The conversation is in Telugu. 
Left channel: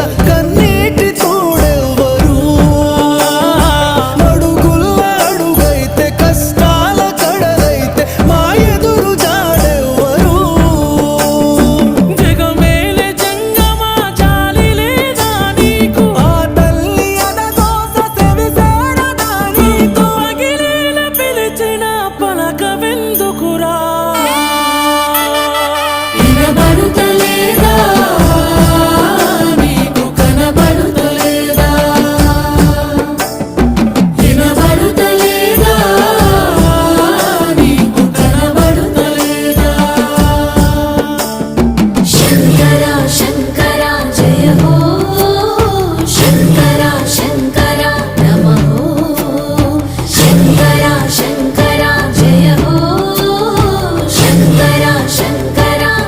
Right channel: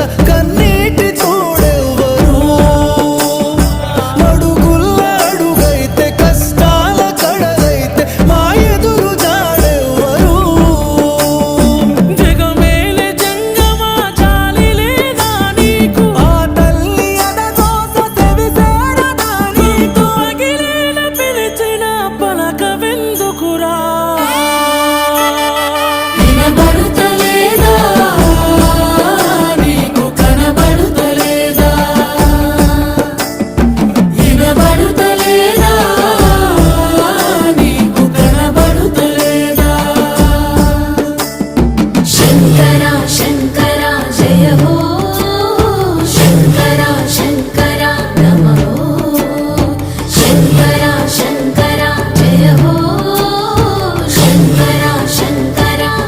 కళ్ళ కన్నీటి తోడెవ్వరు? మడుగుల్ల అడుగైతే కష్టాల కడలైతే మా ఎదురు జాడెవ్వరు? జగమేలే జంగమా జాలి లేదా నీకు. ఆ తల్లి అదగోస సెవిసేరదా నీకు. అగిలేల పిలిచిన పలకవెందుకురా? Yeah.